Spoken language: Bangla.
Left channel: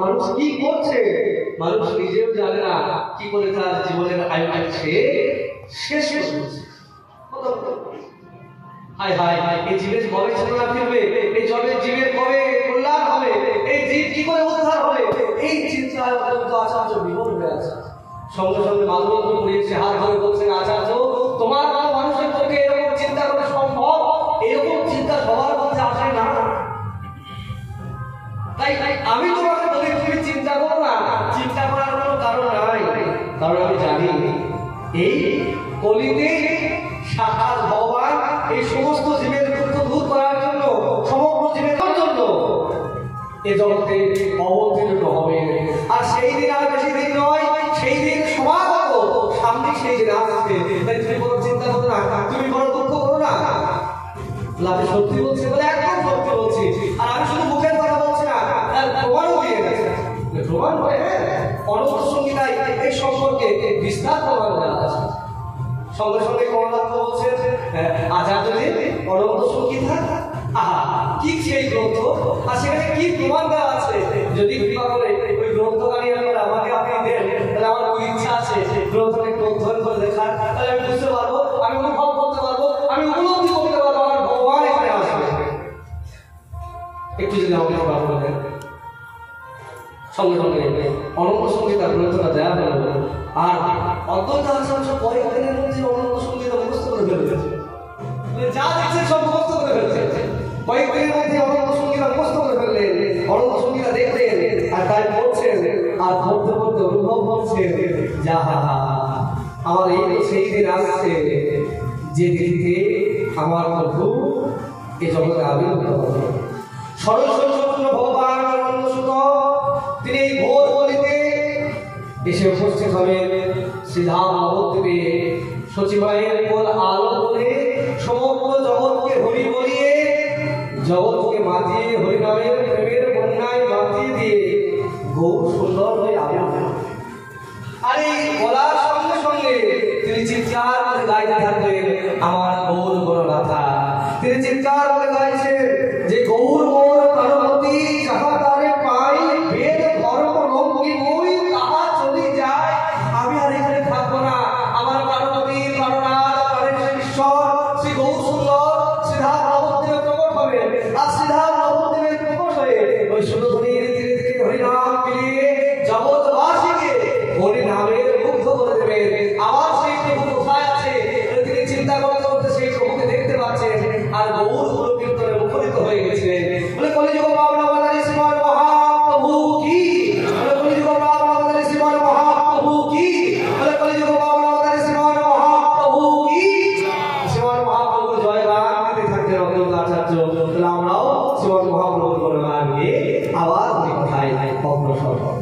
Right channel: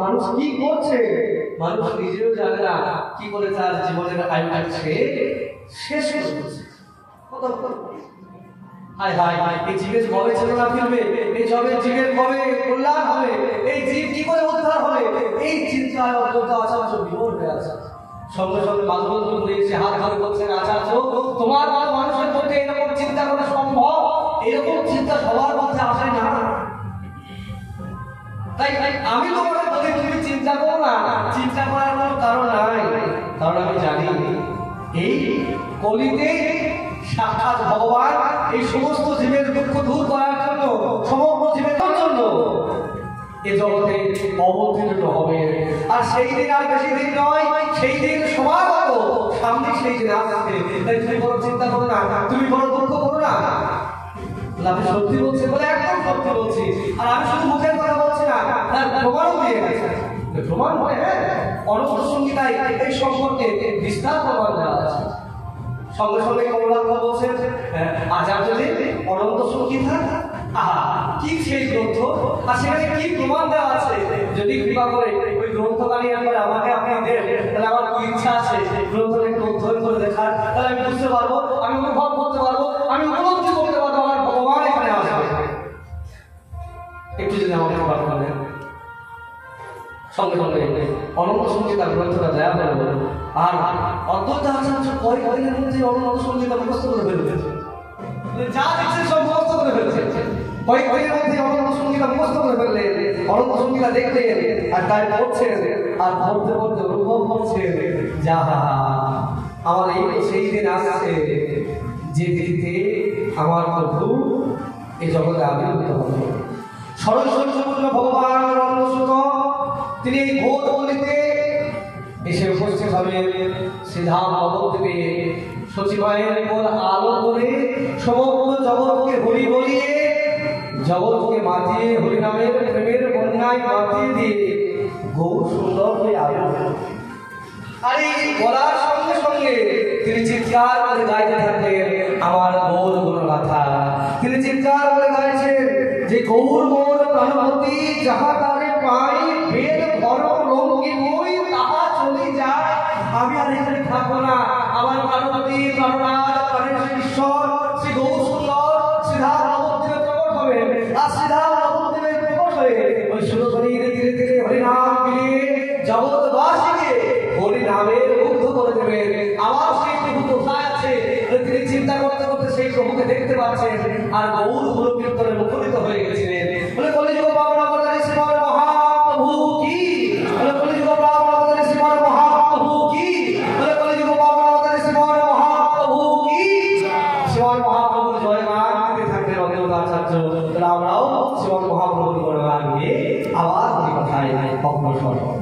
মানুষ কি করছে, মানুষ নিজেও জানে না কি করে তার জীবনের আয়ুকে শেষ করছে। হায় হায়, এই জীবের কবে চেতনা ফিরবে, এই জীবের কবে কল্যাণ হবে, এই জীব কি করে উদ্ধার হবে, এই চিন্তায় অত্যন্ত আচার্য বিভোর হয়ে আছে। সঙ্গে সঙ্গে মালবন্ধ করিয়েছে, হাত ধরে বলছেন, আচার্য তোমার মানুষের পক্ষে এরকম চিন্তা করা সম্ভব? এরকম চিন্তা সবার মধ্যে আসে না। তাই আমি তোমাকে বলি তুমি চিন্তা করো না, চিন্তা করার কোনো কারণ নাই। কারণ আমি জানি এই কলিতে সাক্ষাৎ ভগবান এই সমস্ত জীবের দুঃখ দূর করার জন্য, সমগ্র জীবের জন্য এ জগতে অবতীর্ণ হবে। আর সেই দিন আর বেশি দিন নয়, সেই দিন সমাগত, সামনে সেই দিন আসছে। তাই তুমি বড় চিন্তা করো না, তুমি বড় দুঃখ করো না। আমি সত্যি বলছি বলে একদম সত্যি বলছি, আর আমি শুধু মুখের কথা বলছি না, তার প্রমাণও দিয়ে গেছে। প্রমাণ হয়, হ্যাঁ, অনন্ত সংহিতায় এই সম্পর্কে বিস্তার প্রমাণ দেওয়া আছে। সঙ্গে সঙ্গে কমলাক্ষ বলছেন, আচার্যদেব অনন্ত সংহিতা, আহা কি সেই গ্রন্থ, আর সেখানে কি প্রমাণ দেওয়া আছে। যদি কৃপা করে ওই গ্রন্থকারী একবার আমাকে আপনি দেন, তাহলে আমার কি ইচ্ছা আছে গ্রন্থকে একটু অধ্যয়ন করে দেখার, তাহলে আমি বুঝতে পারবো, আমি অনুভব করতে পারবো, আমি উপলব্ধি করতে পারবো আমার ভগবান এখানে আসবে। একটু যদি আমাকে প্রমাণ করেন। সঙ্গে সঙ্গে অনন্ত সংহিতার গ্রন্থটা দেওয়া হলো, আর অদ্বৈত আচার্য কয়েকদিনের মধ্যে অনন্ত সংহিতা মুখস্থ করে ফেলেছে, যা দেখছে সব মুখস্থ করে ফেলেছে। কয়েকদিনের মধ্যে অনন্ত সংহিতা মুখস্থ করে ফেললেন, অনন্ত সংহিতা দেখলেন, আর তাই পড়ছেন, আর পড়তে পড়তে অনুভব করছেন, যাহা আমার এই সেই দিন আসছে যে দিকে আমার প্রভু এই জগতে আবির্ভূত হবে। সরস্বতীপূর্ণ ভগবান অনন্ত তিনি ঘোর গলিতে এসে উপস্থিত হবেন। শ্রীধাম নবদ্বীপে সচিবায়ের উপর আলো করে সমগ্র জগৎকে হরি বলিয়ে, জগৎকে মাতিয়ে হরিনামের প্রেমের বন্যায় মাতিয়ে দিয়ে গৌর সুন্দর হয়ে আবির্ভূত। আর এই বলার সঙ্গে সঙ্গে তিনি চিৎকার করে গাইতে থাকবেন, আমার গৌর গণগাথা। তিনি চিৎকার করে গাইছেন যে গৌর মোর প্রাণপতি, যাহা তারে পাই বেদ ধর্ম লঙ্কি বই তাহা চলে যায়। আমি আর এখানে থাকবো না, আমার প্রাণপতি প্রাণনাথ প্রাণের ঈশ্বর শ্রী গৌর সুন্দর শ্রীধাম নবদ্বীপে প্রকট হবে। আর শ্রীধাম নবদ্বীপে প্রকট হয়ে ওই সুরধনীর ধীরে ধীরে হরিনাম মিলিয়ে জগৎবাসীকে হরিনামের মুগ্ধ করে দেবেন। আবার সেই প্রভু কোথায় আছে তিনি চিন্তা করতে করতে সেই প্রভুকে দেখতে পাচ্ছেন, আর গৌর গুরু কীর্তনে মুখরিত হয়ে গেছিলেন। বলে কলিযুগ পাবন অবতারী শ্রীমান মহাপ্রভু কি, বলে কলিযুগ পাবন অবতারী শ্রীমান মহাপ্রভু কি, বলে কলিযুগ পাবন অবতারী শ্রীমান মহাপ্রভু কি। শ্রীমান মহাপ্রভুর জয়গান দিতে থাকলেন অদ্বৈত আচার্য। তাহলে আমরাও শ্রীমান মহাপ্রভুর জয়গান নিয়ে আবার কথায় অগ্রসর হব।